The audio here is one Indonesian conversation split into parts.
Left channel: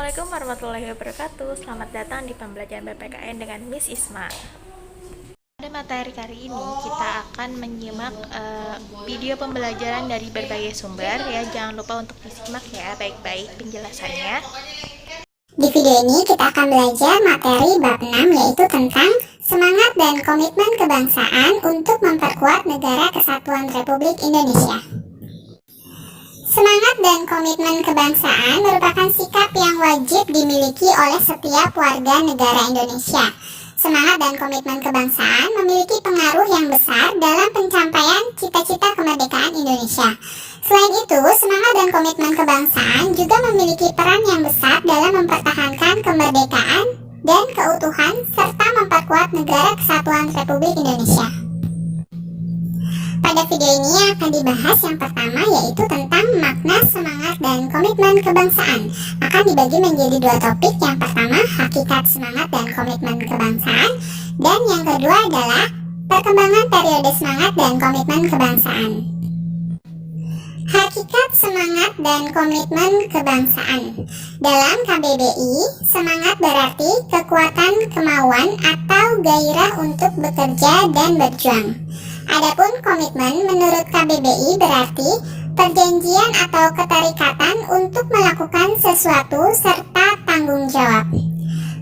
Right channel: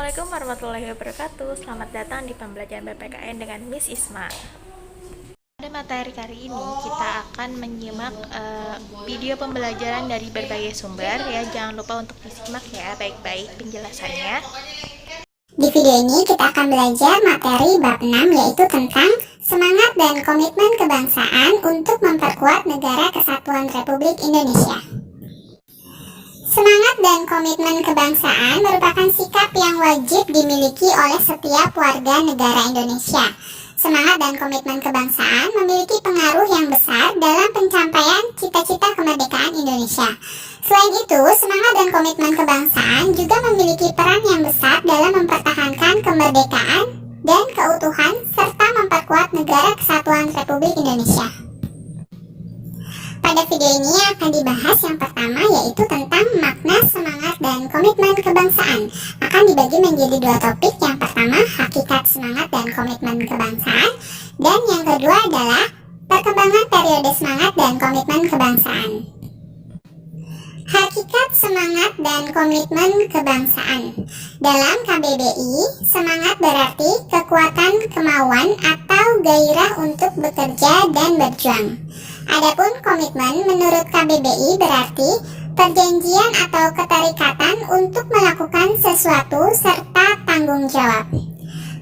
Assalamualaikum warahmatullahi wabarakatuh. Selamat datang di pembelajaran BPKN dengan Miss Isma. Pada materi kali ini kita akan menyimak video pembelajaran dari berbagai sumber ya. Jangan lupa untuk disimak ya baik-baik penjelasannya. Di video ini kita akan belajar materi bab 6, yaitu tentang semangat dan komitmen kebangsaan untuk memperkuat Negara Kesatuan Republik Indonesia. Semangat dan komitmen kebangsaan merupakan sikap yang wajib dimiliki oleh setiap warga negara Indonesia. Semangat dan komitmen kebangsaan memiliki pengaruh yang besar dalam pencapaian cita-cita kemerdekaan Indonesia. Selain itu, semangat dan komitmen kebangsaan juga memiliki peran yang besar dalam mempertahankan kemerdekaan dan keutuhan serta memperkuat Negara Kesatuan Republik Indonesia. Pada video ini akan dibahas yang pertama, yaitu tentang makna semangat dan komitmen kebangsaan. Akan dibagi menjadi dua topik. Yang pertama, hakikat semangat dan komitmen kebangsaan, dan yang kedua adalah perkembangan periode semangat dan komitmen kebangsaan. Hakikat semangat dan komitmen kebangsaan. Dalam KBBI, semangat berarti kekuatan kemauan atau gairah untuk bekerja dan berjuang. Adapun komitmen menurut KBBI berarti perjanjian atau keterikatan untuk melakukan sesuatu serta tanggung jawab.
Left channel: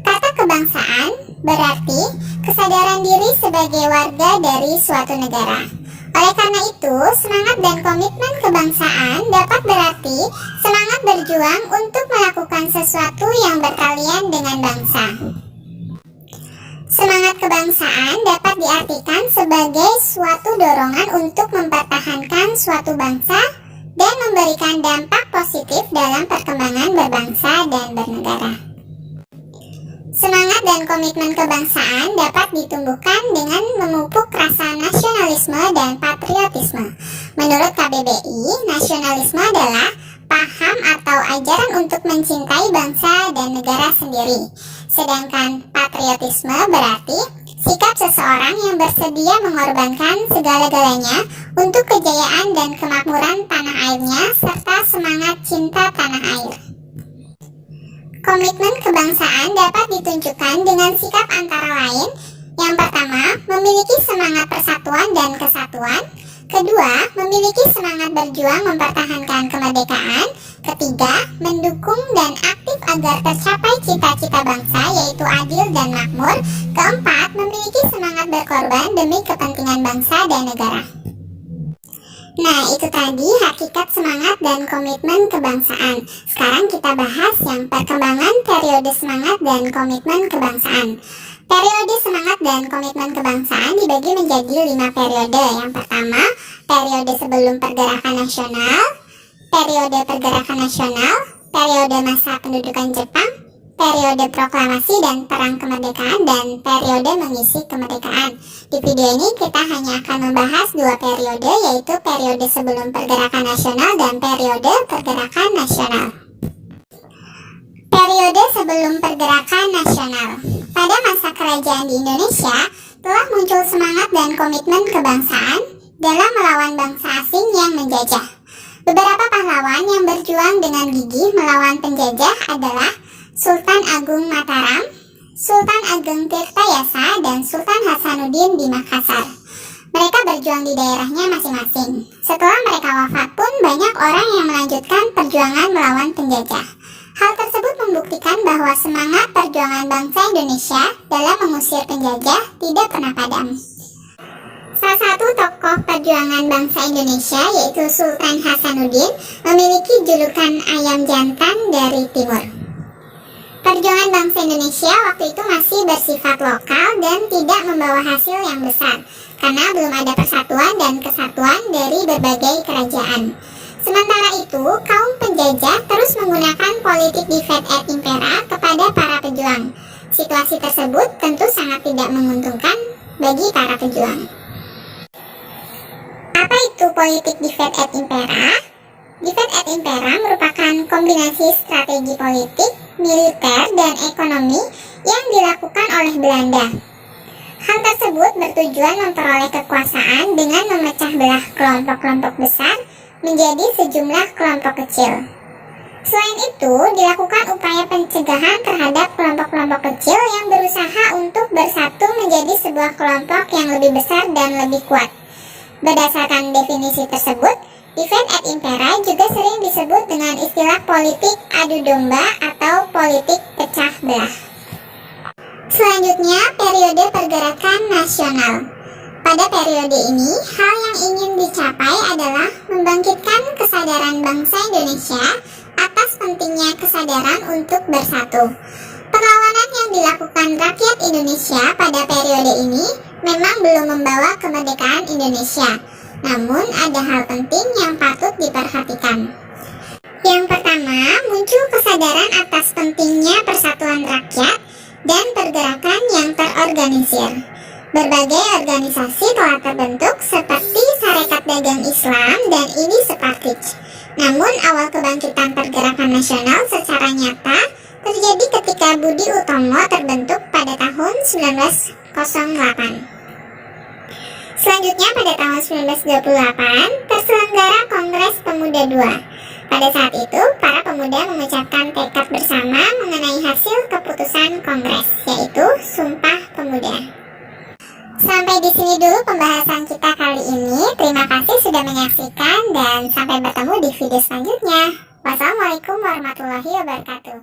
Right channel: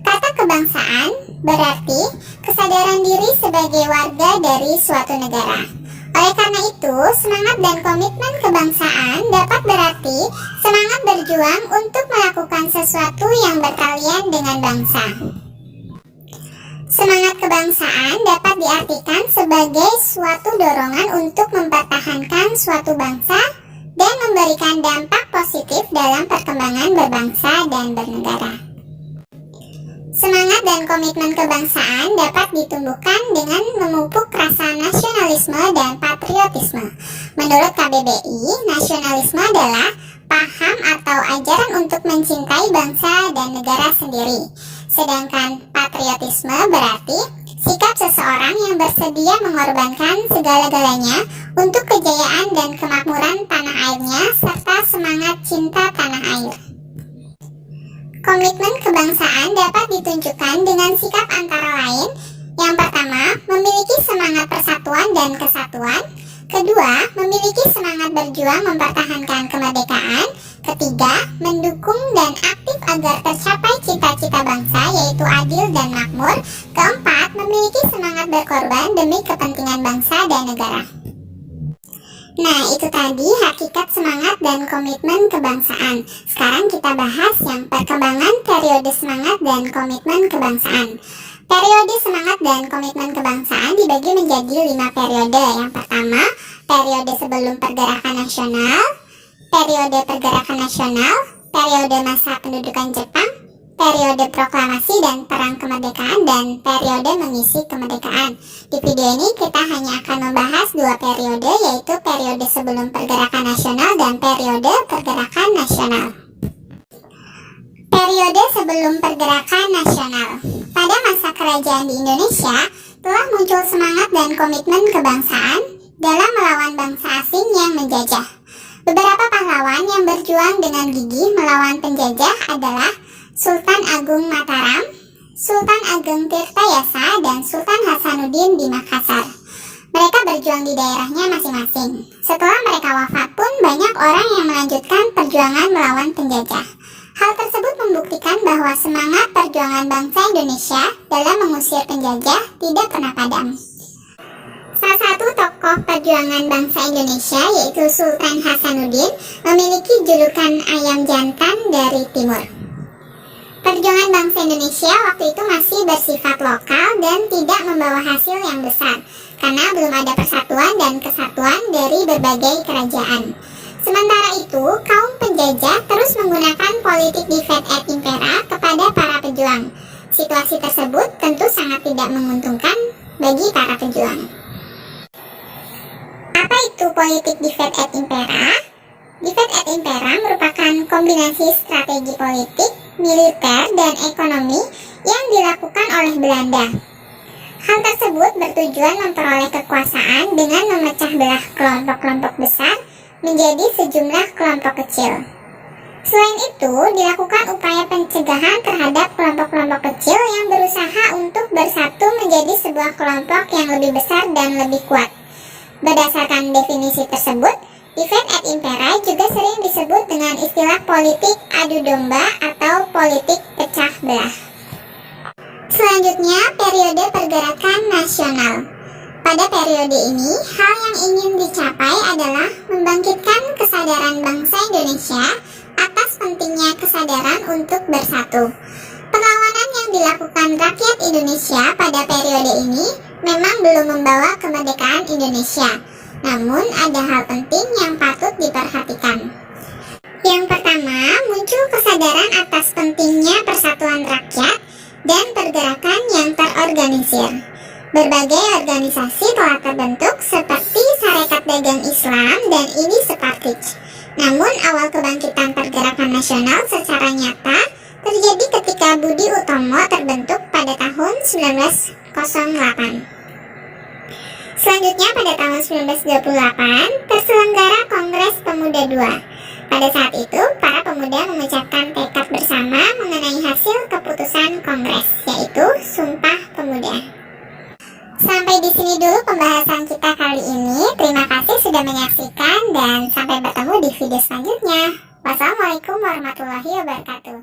Kata kebangsaan berarti kesadaran diri sebagai warga dari suatu negara. Oleh karena itu, semangat dan komitmen kebangsaan dapat berarti semangat berjuang untuk melakukan sesuatu yang berkalian dengan bangsa. Semangat kebangsaan dapat diartikan sebagai suatu dorongan untuk mempertahankan suatu bangsa dan memberikan dampak positif dalam perkembangan berbangsa dan bernegara. Semangat dan komitmen kebangsaan dapat ditumbuhkan dengan memupuk rasa nasionalisme dan patriotisme. Menurut KBBI, nasionalisme adalah paham atau ajaran untuk mencintai bangsa dan negara sendiri. Sedangkan patriotisme berarti sikap seseorang yang bersedia mengorbankan segala-galanya untuk kejayaan dan kemakmuran tanah airnya serta semangat cinta tanah air. Komitmen kebangsaan dapat ditunjukkan dengan sikap antara lain. Yang pertama, memiliki semangat persatuan dan kesatuan. Kedua, memiliki semangat berjuang mempertahankan kemerdekaan. Ketiga, mendukung dan aktif agar tercapai cita-cita bangsa, yaitu adil dan makmur. Keempat, memiliki semangat berkorban demi kepentingan bangsa dan negara. Nah, itu tadi hakikat semangat dan komitmen kebangsaan. Sekarang kita bahas yang perkembangan periode semangat dan komitmen kebangsaan. Periode semangat dan komitmen kebangsaan dibagi menjadi 5 periode. Yang pertama, periode sebelum pergerakan nasional, periode pergerakan nasional, periode masa pendudukan Jepang, periode proklamasi dan perang kemerdekaan, dan periode mengisi kemerdekaan. Di video ini kita hanya akan membahas 2 periode, yaitu periode sebelum pergerakan nasional dan periode pergerakan nasional. Periode sebelum pergerakan nasional. Pada masa kerajaan di Indonesia, telah muncul semangat dan komitmen kebangsaan dalam melawan bangsa asing yang menjajah. Beberapa pahlawan yang berjuang dengan gigih melawan penjajah adalah Sultan Agung Mataram, Sultan Ageng Tirtayasa, dan Sultan Hasanuddin di Makassar. Mereka berjuang di daerahnya masing-masing. Setelah mereka wafat pun banyak orang yang melanjutkan perjuangan melawan penjajah. Hal tersebut membuktikan bahwa semangat perjuangan bangsa Indonesia dalam mengusir penjajah tidak pernah padam. Salah satu tokoh perjuangan bangsa Indonesia, yaitu Sultan Hasanuddin, memiliki julukan ayam jantan dari timur. Perjuangan bangsa Indonesia waktu itu masih bersifat lokal dan tidak membawa hasil yang besar, karena belum ada persatuan dan kesatuan dari berbagai kerajaan. Sementara itu, kaum penjajah terus menggunakan politik divide et impera kepada para pejuang. Situasi tersebut tentu sangat tidak menguntungkan bagi para pejuang. Apa itu politik divide et impera? Divide et impera merupakan kombinasi strategi politik, militer, dan ekonomi yang dilakukan oleh Belanda. Hal tersebut bertujuan memperoleh kekuasaan dengan memecah belah kelompok-kelompok besar menjadi sejumlah kelompok kecil. Selain itu, dilakukan upaya pencegahan pencegahan terhadap kelompok-kelompok kecil yang berusaha untuk bersatu menjadi sebuah kelompok yang lebih besar dan lebih kuat. Berdasarkan definisi tersebut, divide et impera juga sering disebut dengan istilah politik adu domba atau politik pecah belah. Selanjutnya, periode pergerakan nasional. Pada periode ini, hal yang ingin dicapai adalah membangkitkan kesadaran bangsa Indonesia atas pentingnya kesadaran untuk bersatu. Perlawanan yang dilakukan rakyat Indonesia pada periode ini memang belum membawa kemerdekaan Indonesia. Namun ada hal penting yang patut diperhatikan. Yang pertama, muncul kesadaran atas pentingnya persatuan rakyat dan pergerakan yang terorganisir. Berbagai organisasi telah terbentuk seperti Sarekat Dagang Islam dan Ini Separtij. Namun awal kebangkitan pergerakan nasional secara nyata terjadi ketika Budi Utomo terbentuk pada tahun 1908. Selanjutnya pada tahun 1928 terselenggara Kongres Pemuda II. Pada saat itu, para pemuda mengucapkan tekad bersama mengenai hasil keputusan Kongres, yaitu Sumpah Pemuda. Sampai di sini dulu pembahasan kita kali ini. Terima kasih sudah menyaksikan dan sampai bertemu di video selanjutnya. Wassalamualaikum warahmatullahi wabarakatuh.